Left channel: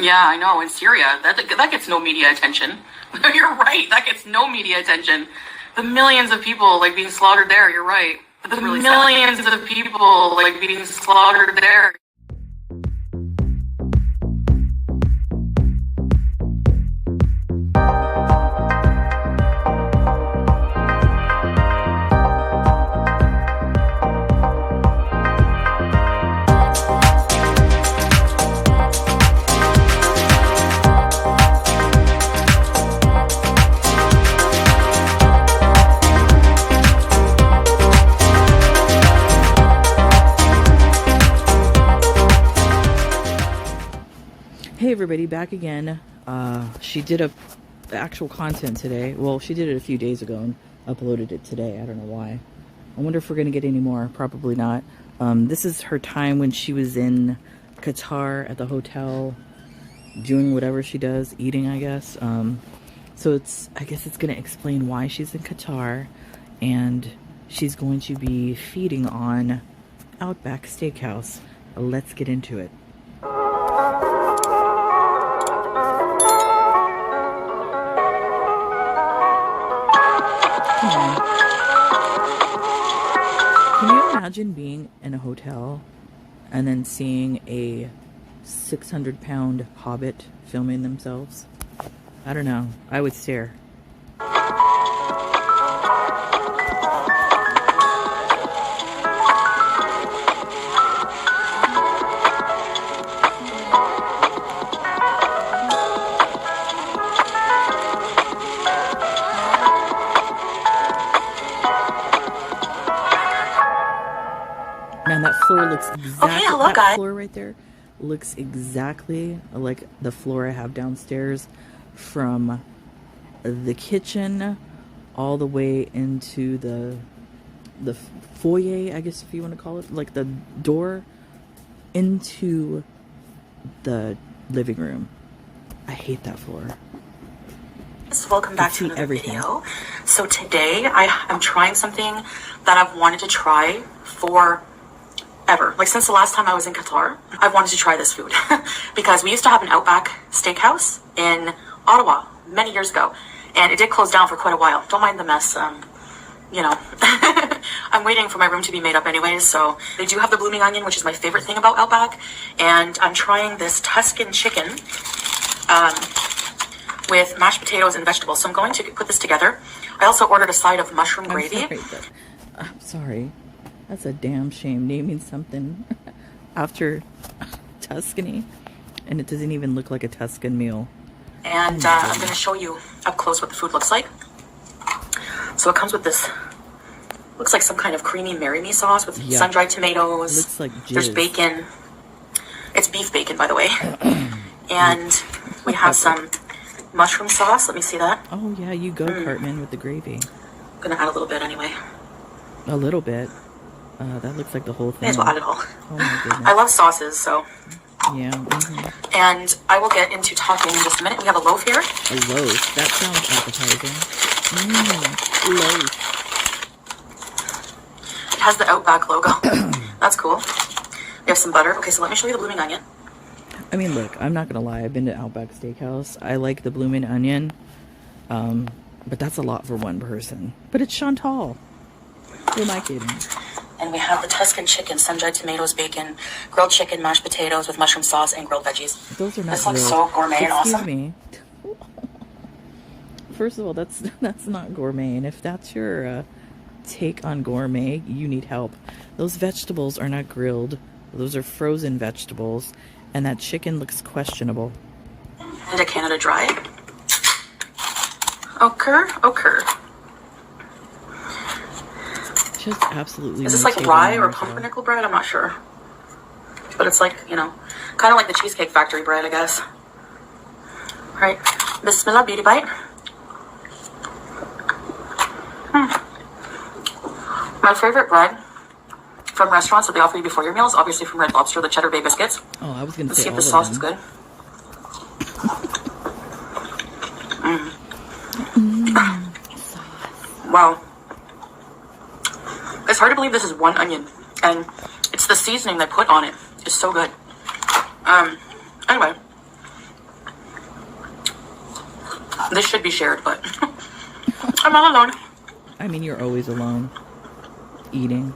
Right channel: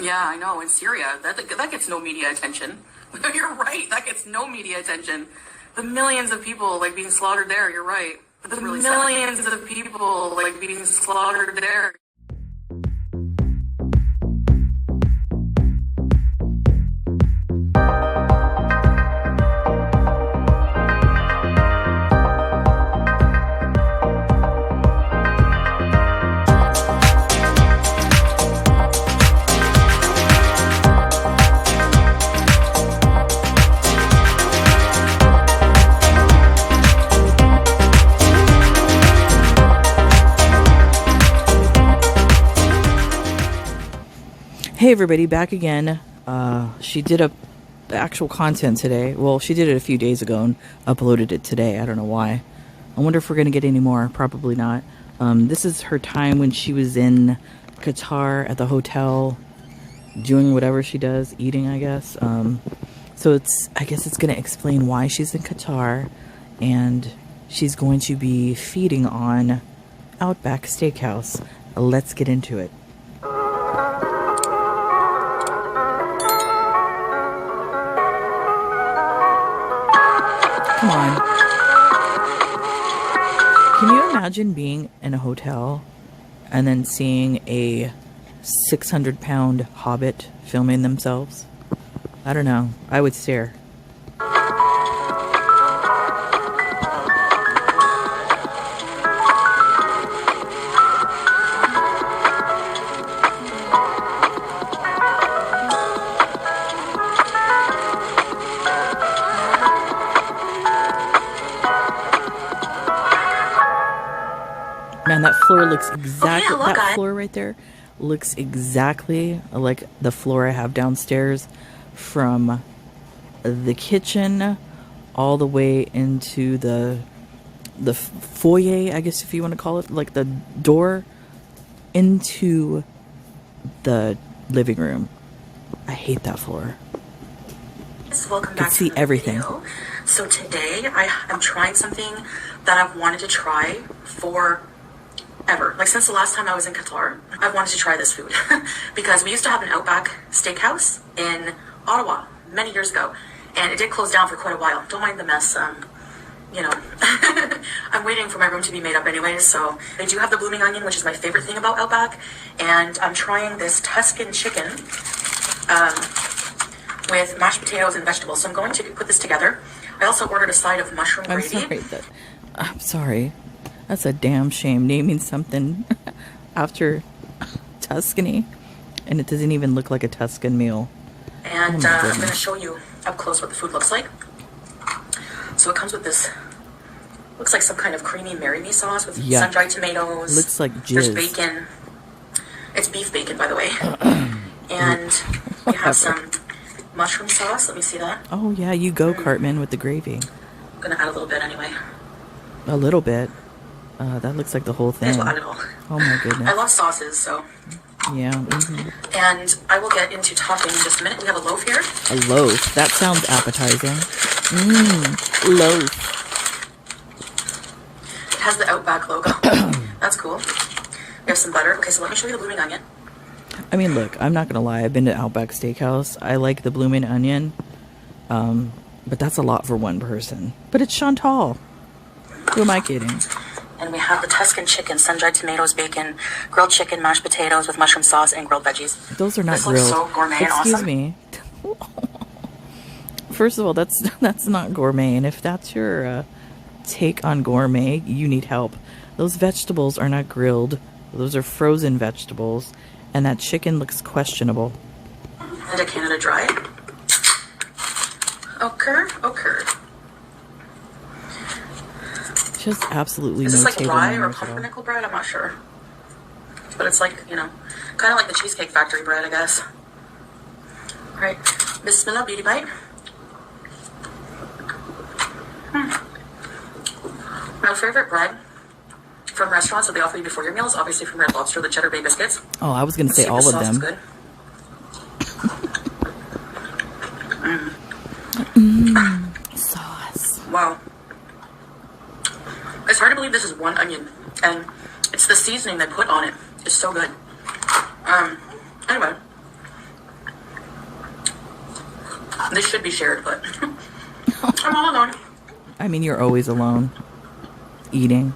Yeah, I know. In Syria, that gets no media attention. You're right. That gets no media attention. The millions of people like being slaughtered there. You're right. The really millions of people like being slaughtered there. Hey everybody, back again. She did the actual content today. Well, she did it a few days ago and uploaded it today. I don't know why. I wonder if we're going to get any more. Probably not. This is her time when she was in Qatar at the hotel doing whatever she does, eating, I guess. So I guess it's going to explain why she's in Qatar, and she's going to be feeding on Outback Steakhouse. Let's get into it. Come on. Can you imagine being in a hotel and then seeing a 600-pound hobbit filming themselves? I don't know. I would stare. Man, that floor looks exactly, that floor right there looks exactly like the floor I have downstairs, from the kitchen all the way into the foyer, I guess if you want to call it, like the door into the living room. I hate that floor. Welcome back to another video. So today I'm trying something that I've wanted to try for ever. Like since the last time I was in Qatar, I've wanted to try this food because we used to have an Outback Steakhouse in Ottawa many years ago, and it did close down for quite a while. Don't mind the mess. You know, I'm waiting for my room to be made up anyways. So they do have the blooming onion, which is my favorite thing about Outback, and I'm trying this Tuscan chicken with mashed potatoes and vegetables. So I'm going to put this together. I also ordered a side of mushroom gravy. I'm sorry. That's a damn shame, naming something after Tuscany, and it doesn't even look like a Tuscan meal. And I'm going to show you up close what the food looks like. So it comes with this, looks like some kind of creamy Mary-me sauce with sun-dried tomatoes. Looks like jizz. There's bacon. It's beef bacon, by the way. And we have some mushroom sauce. Let me see that. Oh, yeah, you go, Cartman, with the gravy. I'm going to add a little bit anyway. A little bit. That looks like the whole thing. May as well add it all. Oh my goodness. I love sauces, so. Yeah. And I will get into talking in just a minute. We have a loaf here. A loaf? That sounds appetizing. Loaf. It has the Outback logo. That's cool. We have some butter. Okay, so let me show you the blooming onion. I mean, look, I'm not going to lie. I've been to Outback Steakhouse. I like the blooming onion. But that's a lot for one person. But it's Chantal. Who am I kidding? And we have the Tuscan chicken, sun-dried tomatoes, bacon, grilled chicken, mashed potatoes with mushroom sauce, and grilled veggies. Those are not this grilled. This looks so gourmet and awesome. Excuse me. First of all, that's not gourmet. And if that's your take on gourmet, you need help. Those vegetables are not grilled. Those are frozen vegetables. And that chicken looks questionable. And a Canada Dry. Ochre. Just absolutely. Is this like rye or pumpernickel bread? I'm not sure. But it's like, you know, kind of like the Cheesecake Factory bread, I guess. All right. Bismillah, beauty bite. My favorite bread from restaurants that they offer you before your meal is obviously from Red Lobster, the Cheddar Bay biscuits. Oh, I was going to say all of them. Let's see if the sauce is good. Sauce. Wow. It's hard to believe this is one onion, and it's the seasoning they put on it. It's so good. Anyway, This should be shared, but I'm not alone. I mean, you're always alone. Eating.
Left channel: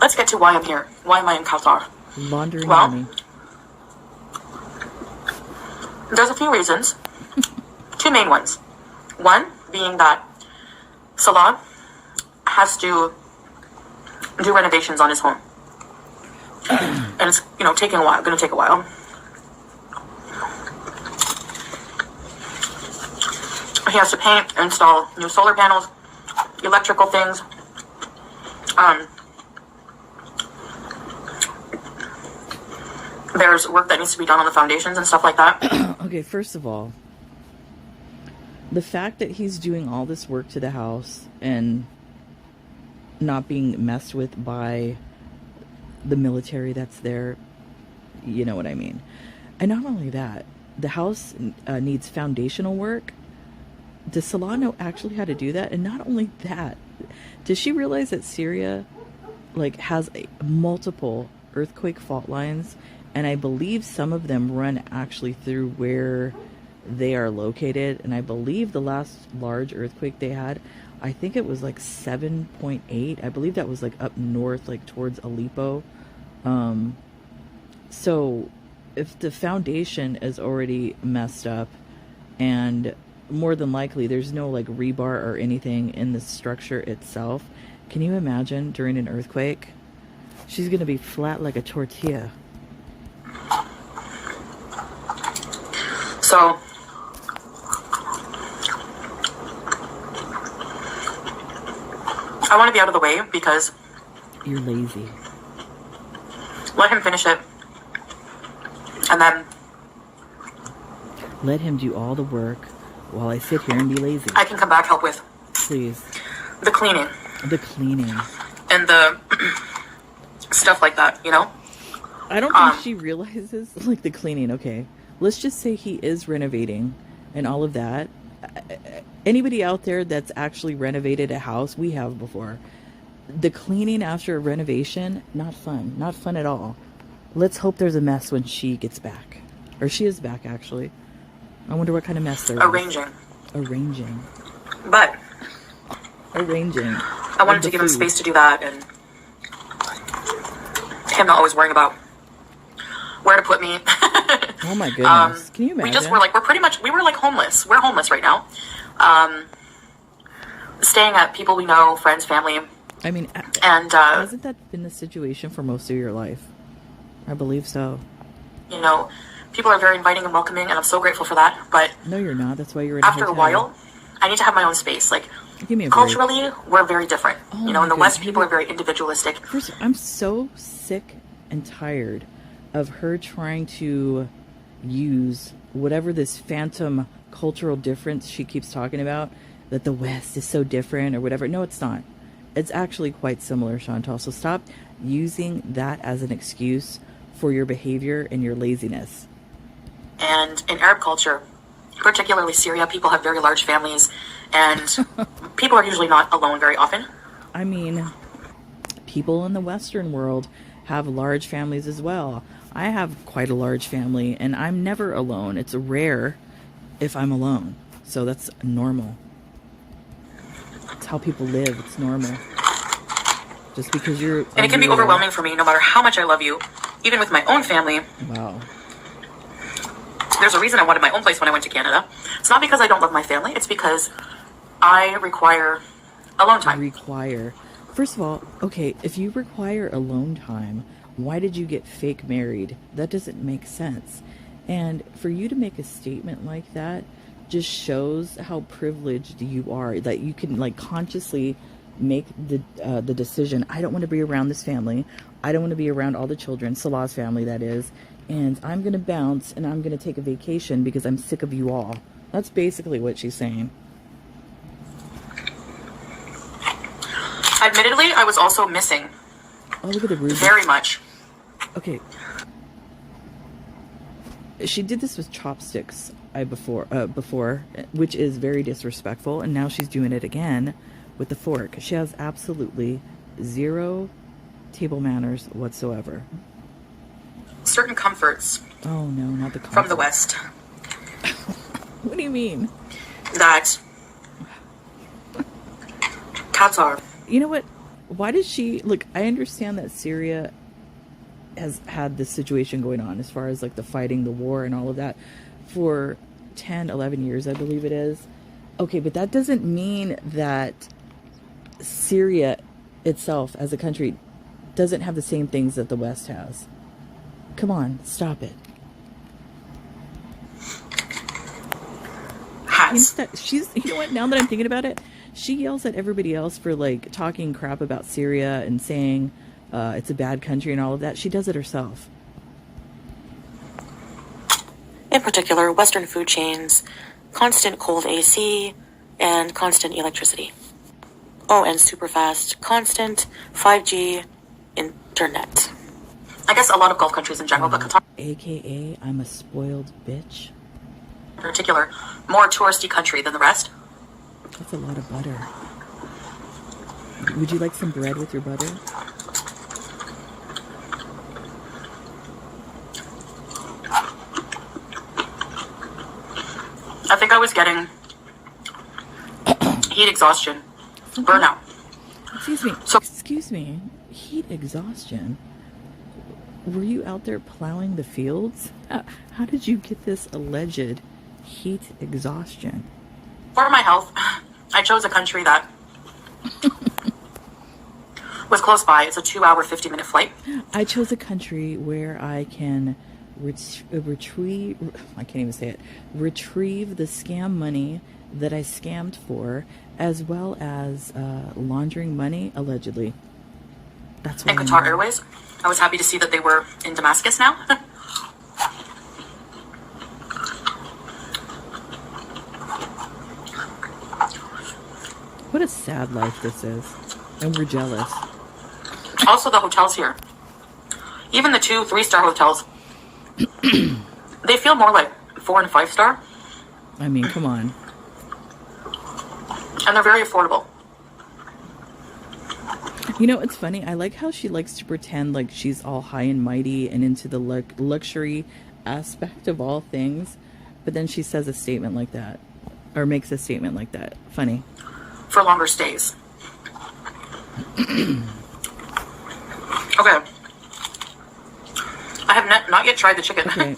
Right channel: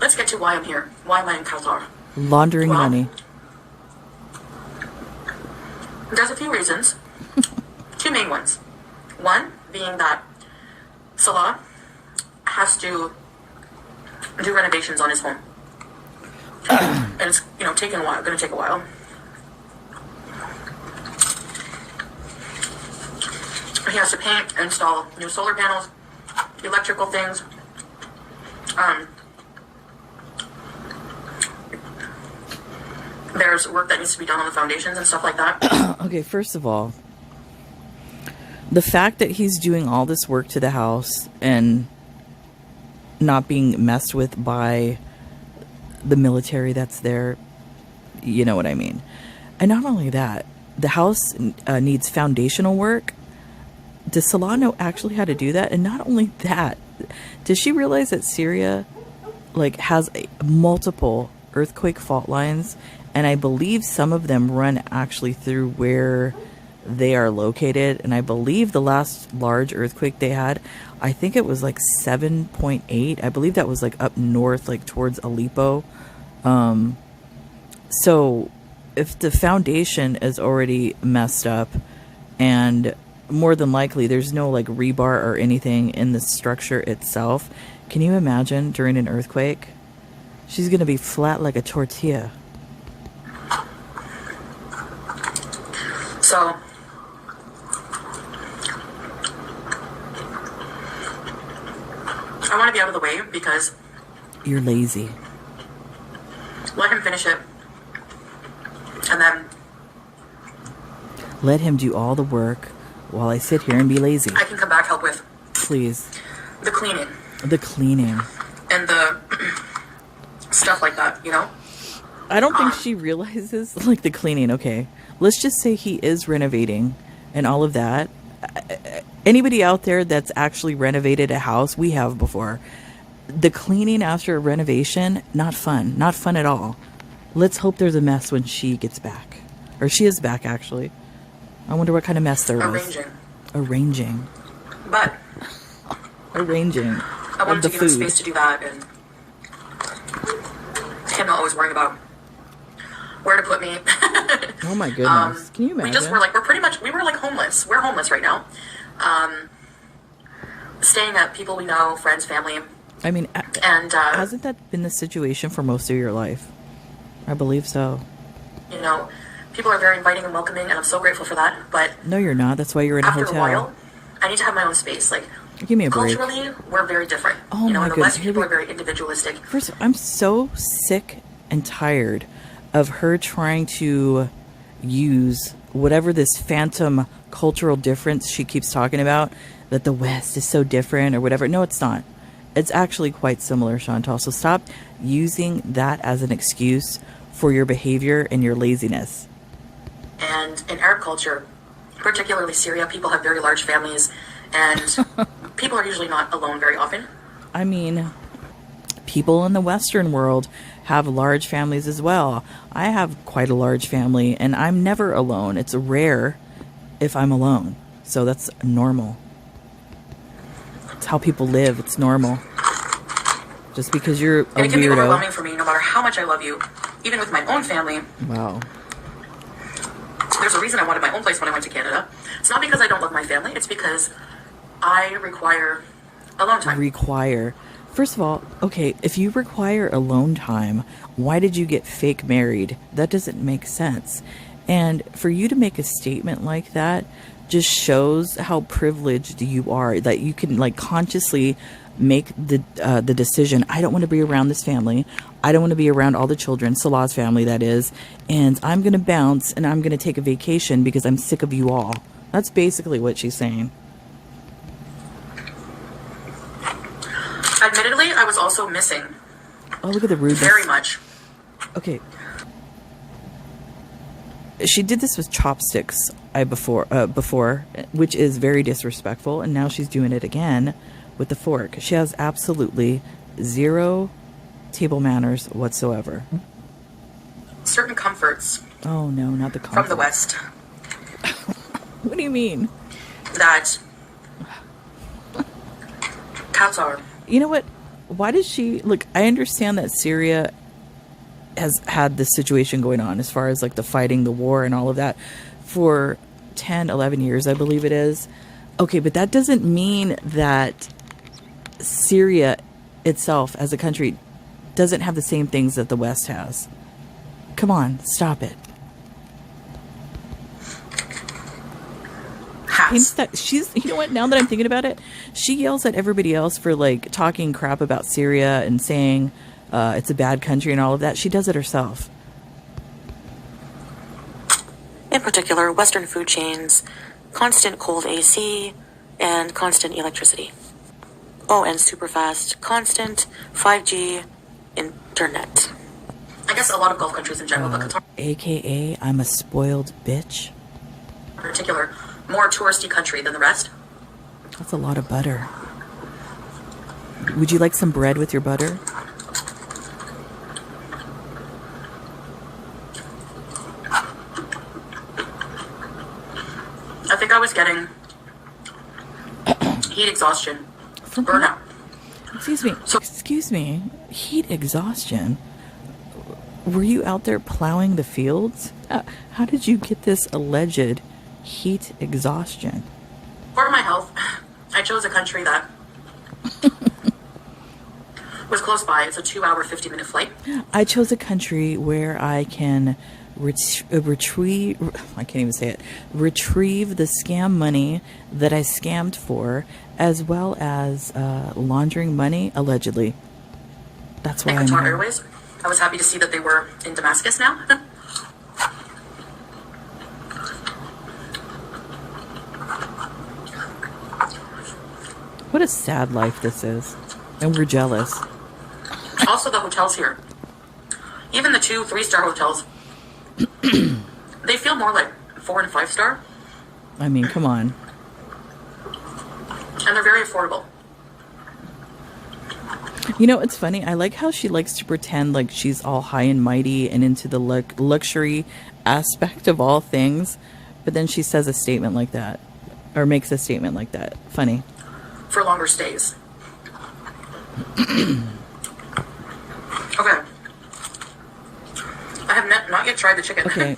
Let's get to why I'm here. Why am I in Qatar? Laundering money. There's a few reasons. Two main ones. One being that Salah has to do renovations on his home. And it's, taking a while. Going to take a while. He has to paint, install new solar panels, electrical things. There's work that needs to be done on the foundations and stuff like that. Okay, first of all, the fact that he's doing all this work to the house and not being messed with by the military that's there, you know what I mean. And not only that, the house needs foundational work. Does Salah know actually how to do that? And not only that, does she realize that Syria has multiple earthquake fault lines? And I believe some of them run actually through where they are located. And I believe the last large earthquake they had, I think it was 7.8. I believe that was up north, towards Aleppo. So if the foundation is already messed up, and more than likely there's no rebar or anything in the structure itself, can you imagine during an earthquake? She's going to be flat like a tortilla. So, I want to be out of the way because you're lazy. Let him finish it. And then let him do all the work while I sit here and be lazy. I can come back, help with. Please. The cleaning. The cleaning. And the stuff like that, I don't think she realizes, the cleaning, okay. Let's just say he is renovating and all of that. Anybody out there that's actually renovated a house, we have before. The cleaning after a renovation, not fun. Not fun at all. Let's hope there's a mess when she gets back. Or she is back, actually. I wonder what kind of mess there is. Arranging. But. Arranging. I wanted to give him space to do that, and him not always worrying about where to put me. Oh my goodness. Can you imagine? We were homeless. We're homeless right now. Staying at people we know, friends, family. I mean, and hasn't that been the situation for most of your life? I believe so. People are very inviting and welcoming, and I'm so grateful for that. But no, you're not. That's why you're in a hotel. After a while, I need to have my own space. Give me a break. Culturally, we're very different. In the West, people are very individualistic. First, I'm so sick and tired of her trying to use whatever this phantom cultural difference she keeps talking about, that the West is so different or whatever. No, it's not. It's actually quite similar, Chantal. So stop using that as an excuse for your behavior and your laziness. And in Arab culture, particularly Syria, people have very large families, and people are usually not alone very often. I mean, people in the Western world have large families as well. I have quite a large family, and I'm never alone. It's rare if I'm alone. So that's normal. It's how people live. It's normal. Just because you're and it can be overwhelming for me, no matter how much I love you, even with my own family. Wow. There's a reason I wanted my own place when I went to Canada. It's not because I don't love my family. It's because I require alone time. First of all, okay, if you require alone time, why did you get fake married? That doesn't make sense. And for you to make a statement like that just shows how privileged you are, that you can consciously make the decision. I don't want to be around this family. I don't want to be around all the children, Salah's family, that is. And I'm going to bounce and I'm going to take a vacation because I'm sick of you all. That's basically what she's saying. Admittedly, I was also missing. Oh, look at the rudeness. Very much. Okay. She did this with chopsticks before, which is very disrespectful, and now she's doing it again with the fork. She has absolutely zero table manners whatsoever. Certain comforts. Oh no, not the comforts. From the West. What do you mean? that cats are. You know what? Why does she look? I understand that Syria has had this situation going on as far as like the fighting, the war, and all of that for 10, 11 years, I believe it is. Okay, but that doesn't mean that Syria itself as a country doesn't have the same things that the West has. Come on, stop it. She's, you know what, now that I'm thinking about it, she yells at everybody else for like talking crap about Syria and saying it's a bad country and all of that. She does it herself. In particular, Western food chains, constant cold AC, and constant electricity. Oh, and super fast, constant 5G internet. I guess a lot of Gulf countries in general, but Qatar, AKA, I'm a spoiled bitch. in particular, more touristy country than the rest. That's a lot of butter. Would you like some bread with your butter? I think I was getting heat exhaustion, burnout. Excuse me. Heat exhaustion? Were you out there plowing the fields? How did you get this alleged heat exhaustion? For my health, I chose a country that was close by. It's a 2-hour, 50-minute flight. I chose a country where I can retrieve the scam money that I scammed for, as well as laundering money, allegedly. That's why. And Qatar Airways. I was happy to see that they were in Damascus now. What a sad life this is. And we're jealous. Also, the hotels here. Even the 2, 3-star hotels, they feel more like 4 and 5-star. I mean, come on. And they're very affordable. You know, it's funny. I like how she likes to pretend like she's all high and mighty and into the luxury aspect of all things. But then she says a statement like that. Or makes a statement like that. Funny. For longer stays. Okay. I have not yet tried the chicken. Okay.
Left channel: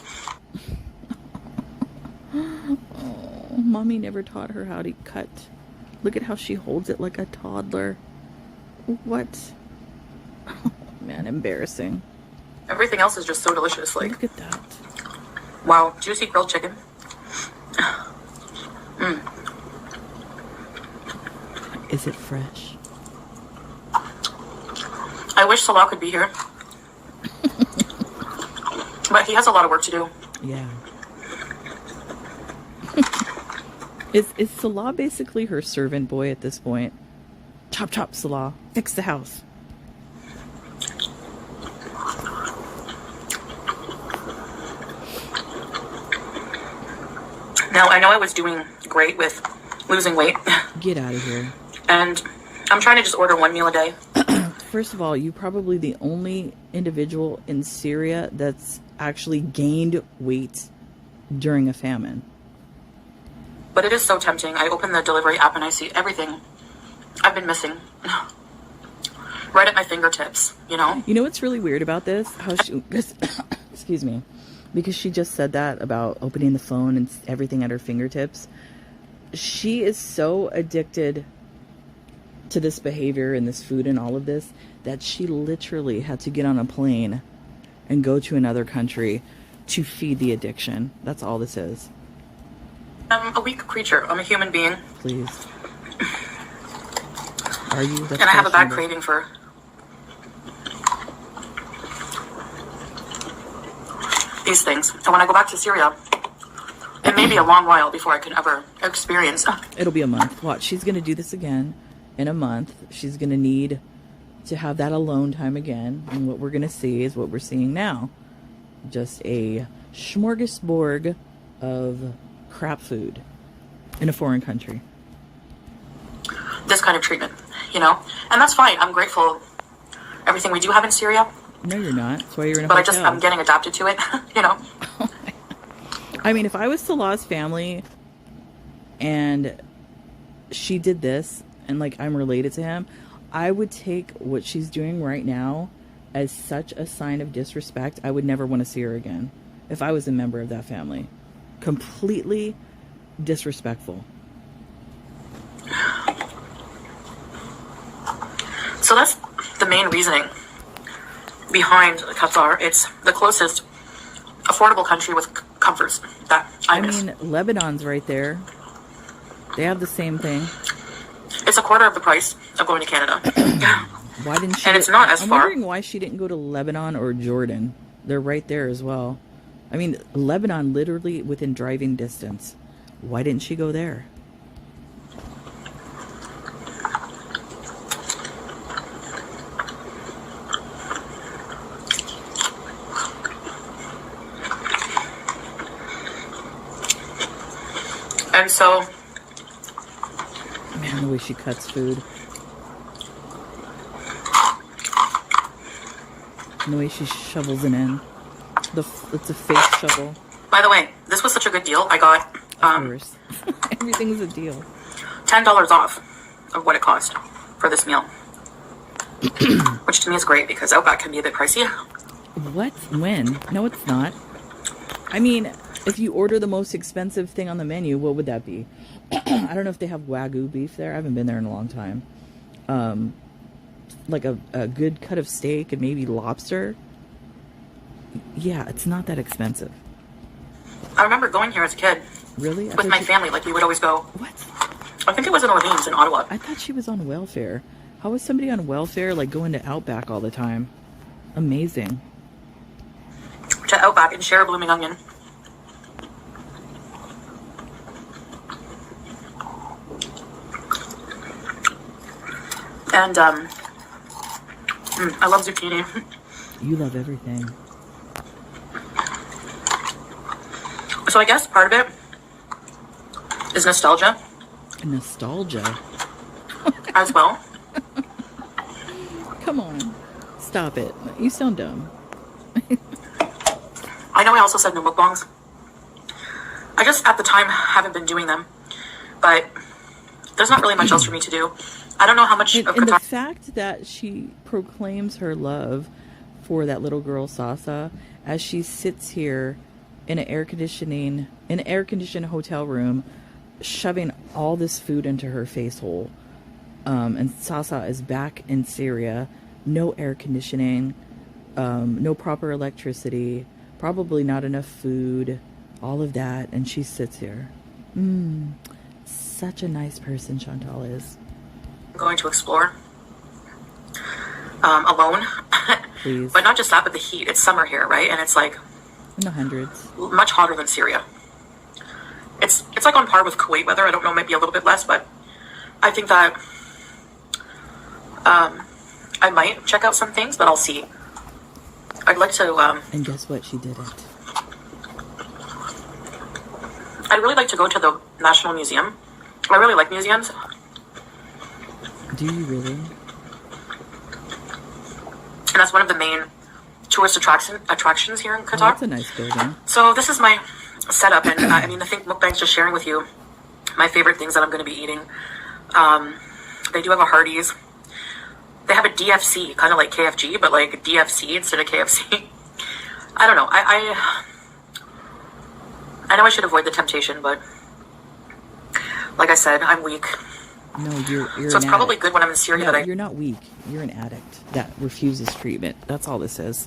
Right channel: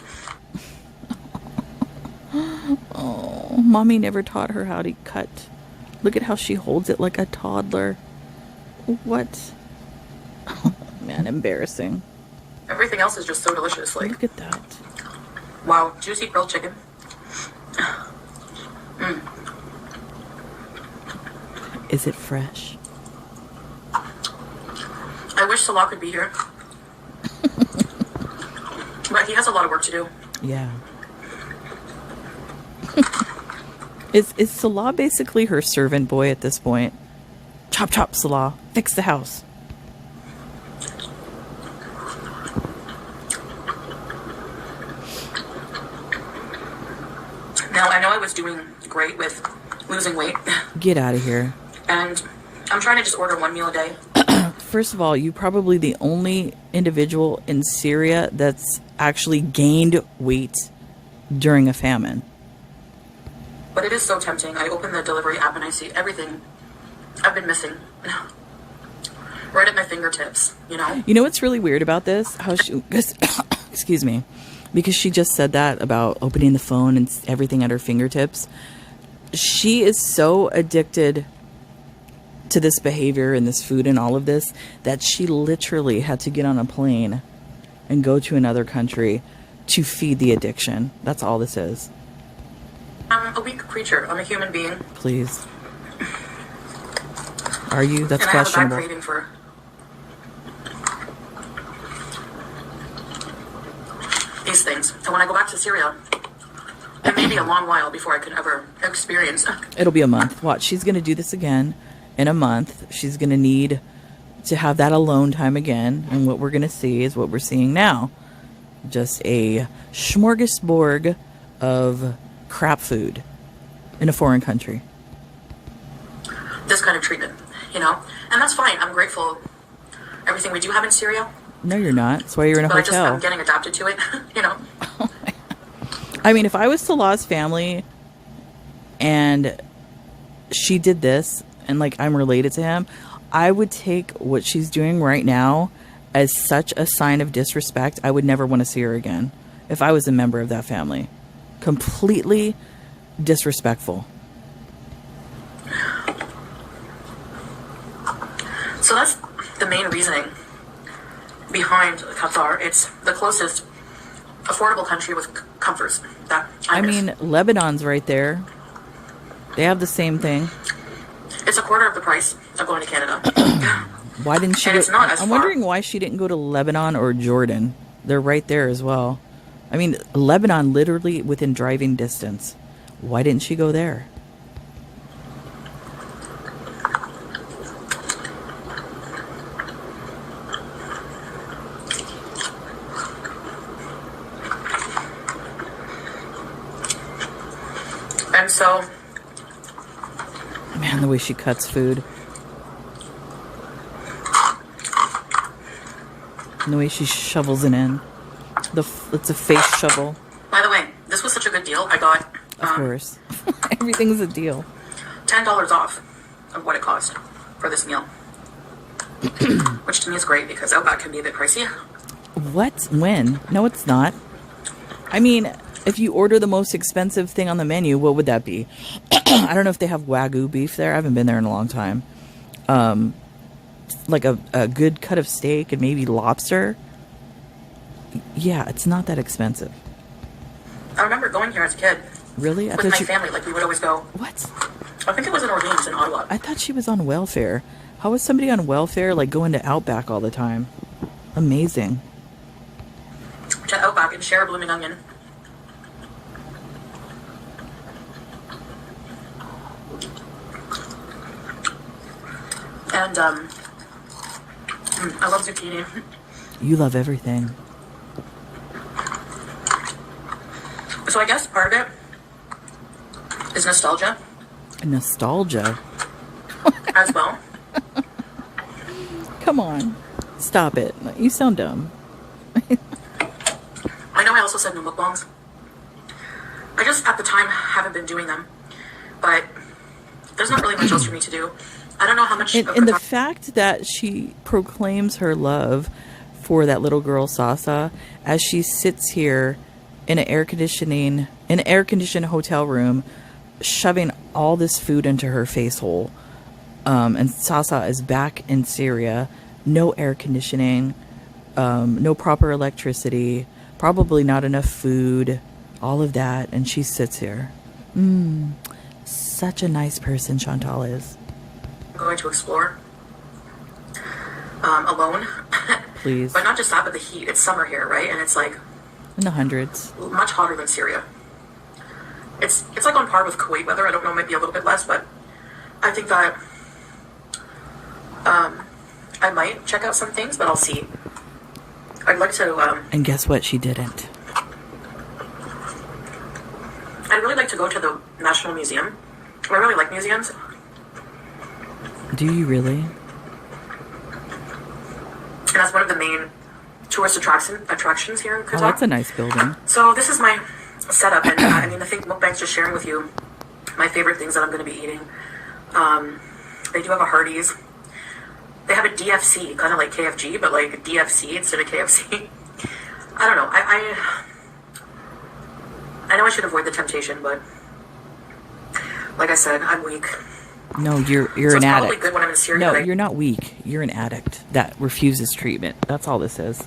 Oh, mommy never taught her how to cut. Look at how she holds it like a toddler. What? Oh, man, embarrassing. Everything else is just so delicious. Like, look at that. Wow, juicy grilled chicken. Is it fresh? I wish Salah could be here. But he has a lot of work to do. Yeah. Is Salah basically her servant boy at this point? Chop, chop, Salah. Fix the house. Now, I know I was doing great with losing weight. Get out of here. And I'm trying to just order 1 meal a day. First of all, you're probably the only individual in Syria that's actually gained weight during a famine. But it is so tempting. I open the delivery app and I see everything I've been missing. Right at my fingertips, you know? You know what's really weird about this? How she, excuse me, because she just said that about opening the phone and everything at her fingertips. She is so addicted to this behavior and this food and all of this that she literally had to get on a plane and go to another country to feed the addiction. That's all this is. I'm a weak creature. I'm a human being. Please. Are you? That's and I have a bad questionable. craving for these things. And when I go back to Syria, it may be a long while before I can ever experience. It'll be a month. Watch, she's going to do this again in a month. She's going to need to have that alone time again. And what we're going to see is what we're seeing now. Just a smorgasbord of crap food in a foreign country. This kind of treatment, you know? And that's fine. I'm grateful everything we do have in Syria. No, you're not. That's why you're in a but hotel. I'm getting adapted to it, you know? I mean, if I was Salah's family, and she did this, and like I'm related to him, I would take what she's doing right now as such a sign of disrespect. I would never want to see her again if I was a member of that family. Completely disrespectful. So that's the main reasoning behind Qatar. It's the closest affordable country with comforts that I miss. mean, Lebanon's right there. They have the same thing. It's a quarter of the price of going to Canada. Why didn't she? And it's not as I'm far. wondering why she didn't go to Lebanon or Jordan. They're right there as well. I mean, Lebanon literally within driving distance. Why didn't she go there? And so, Man, the way she cuts food. And the way she shovels it in. It's a face shovel. by the way, this was such a good deal. I got Of course. Everything's a deal. $10 off of what it cost for this meal. Which to me is great because Outback can be a bit pricey. What? When? No, it's not. I mean, if you order the most expensive thing on the menu, what would that be? I don't know if they have Wagyu beef there. I haven't been there in a long time. Like a good cut of steak and maybe lobster. Yeah, it's not that expensive. I remember going here as a kid. Really? With my family. Like, we would always go. What? I think it was in Orleans in Ottawa. I thought she was on welfare. How is somebody on welfare, like, going to Outback all the time? Amazing. To Outback and share a blooming onion. And, I love zucchini. You love everything. So I guess part of it is nostalgia Nostalgia? as well. Come on. Stop it. You sound dumb. I know I also said no mukbangs. I just, at the time, haven't been doing them. But there's not really much else for me to do. I don't know how much of And the Qatar... fact that she proclaims her love for that little girl Sasa as she sits here in an air-conditioned hotel room, shoving all this food into her face hole. And Sasa is back in Syria, no air conditioning, no proper electricity, probably not enough food, all of that, and she sits here. Such a nice person Chantal is. going to explore alone. Please. But not just that, but the heat. It's summer here, right? And it's like In the hundreds. much hotter than Syria. It's like on par with Kuwait weather. I don't know, maybe a little bit less, but I think that I might check out some things, but I'll see. I'd like to And guess what? She didn't. I'd really like to go to the National Museum. I really like museums. Do you really? And that's one of the main tourist attractions here in Oh, Qatar. that's a nice building. So this is my setup, and I mean, I think mukbang's just sharing with you my favorite things that I'm going to be eating. They do have a Hardee's. They have a DFC, kind of like KFG, but like DFC instead of KFC. I don't know. I know I should avoid the temptation, but like I said, I'm weak. No, you're So an it's probably addict. good when I'm in Syria. No, that you're not weak. You're an addict that refuses treatment. That's all this is.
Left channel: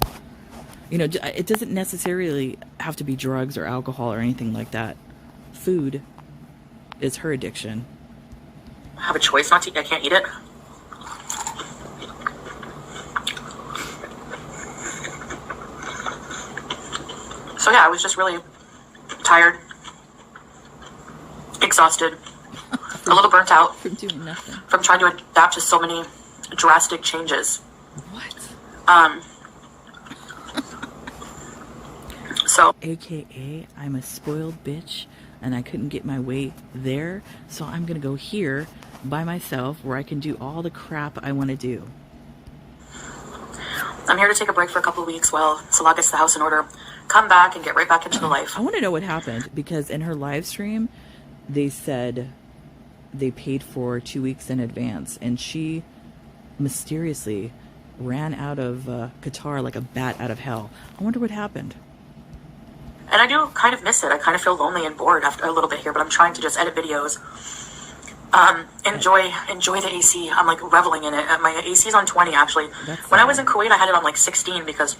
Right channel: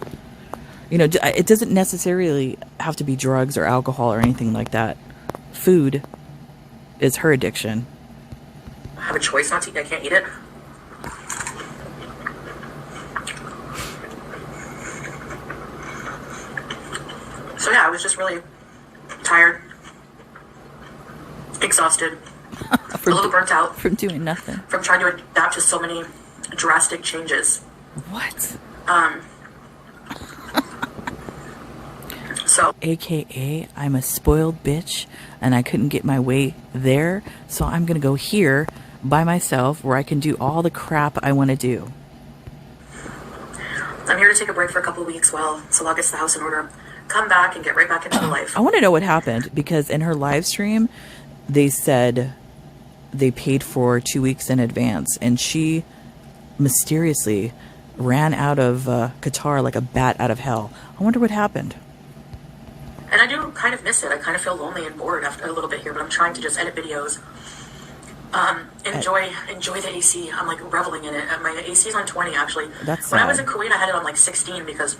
You know, it doesn't necessarily have to be drugs or alcohol or anything like that. Food is her addiction. I have a choice not to eat. I can't eat it. So yeah, I was just really tired, exhausted, a little burnt out From doing nothing. from trying to adapt to so many drastic changes. What? So AKA, I'm a spoiled bitch and I couldn't get my way there, so I'm going to go here by myself where I can do all the crap I want to do. I'm here to take a break for a couple of weeks while Salah gets the house in order, come back and get right back into the life. I want to know what happened because in her live stream, they said they paid for 2 weeks in advance, and she mysteriously ran out of Qatar like a bat out of hell. I wonder what happened. And I do kind of miss it. I kind of feel lonely and bored after a little bit here, but I'm trying to just edit videos. Enjoy the AC. I'm like reveling in it. My AC is on 20 actually. When I was in Kuwait, I had it on like 16 because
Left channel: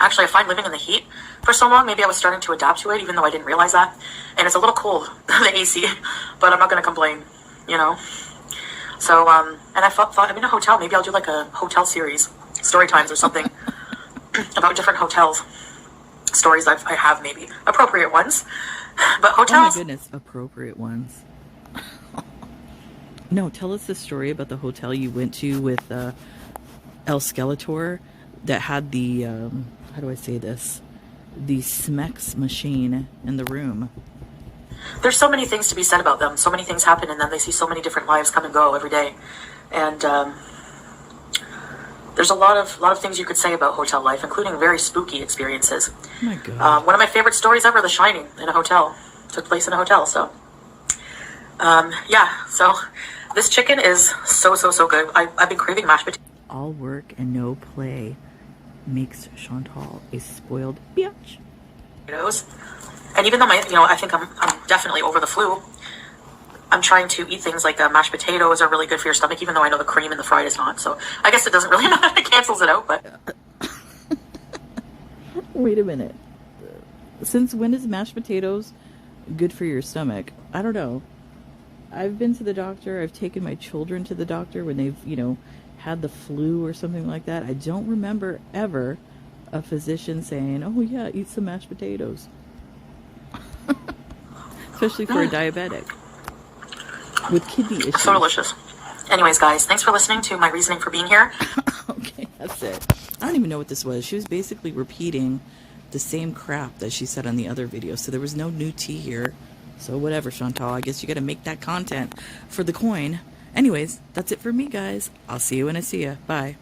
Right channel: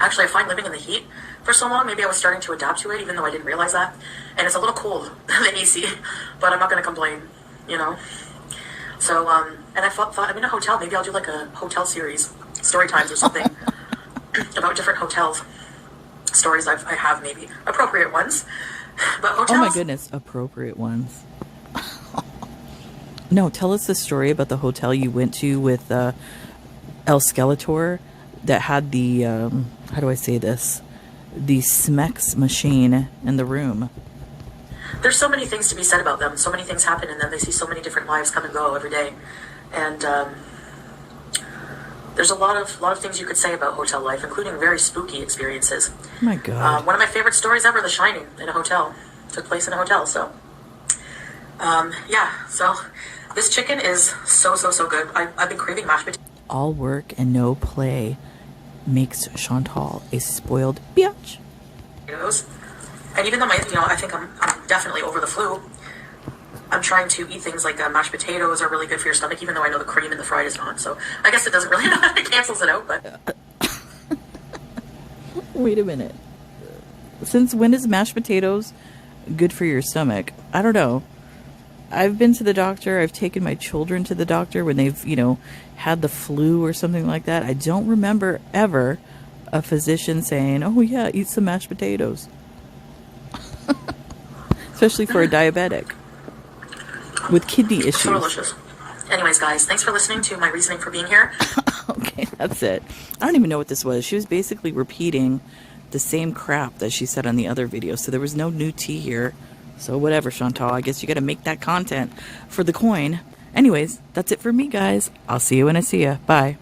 actually I find living in the heat for so long, maybe I was starting to adapt to it, even though I didn't realize that. And it's a little cold, the AC, but I'm not going to complain, you know? So, and I thought I'm in a hotel. Maybe I'll do like a hotel series, story times or something about different hotels. Stories I have, maybe appropriate ones, but hotels. Oh my goodness, appropriate ones. No, tell us the story about the hotel you went to with El Skeletor that had the how do I say this? The Smex machine in the room. There's so many things to be said about them. So many things happen, and then they see so many different lives come and go every day, and there's a lot of things you could say about hotel life, including very spooky experiences. Oh my God. One of my favorite stories ever, The Shining, in a hotel. Took place in a hotel, so. Yeah, so this chicken is so good. I've been craving mashed potatoes. All work and no play makes Chantal a spoiled bitch. And even though I think I'm definitely over the flu, I'm trying to eat things like mashed potatoes are really good for your stomach, even though I know the cream in the fried is not. So I guess it doesn't really matter. It cancels it out, but. Wait a minute. Since when is mashed potatoes good for your stomach? I don't know. I've been to the doctor. I've taken my children to the doctor when they've, had the flu or something like that. I don't remember ever a physician saying, oh yeah, eat some mashed potatoes. Especially for a diabetic with kidney issues. So delicious. Anyways, guys, thanks for listening to my reasoning for being here. Okay, that's it. I don't even know what this was. She was basically repeating the same crap that she said on the other video. So there was no new tea here. So whatever, Chantal. I guess you got to make that content for the coin. Anyways, that's it for me, guys. I'll see you when I see ya. Bye.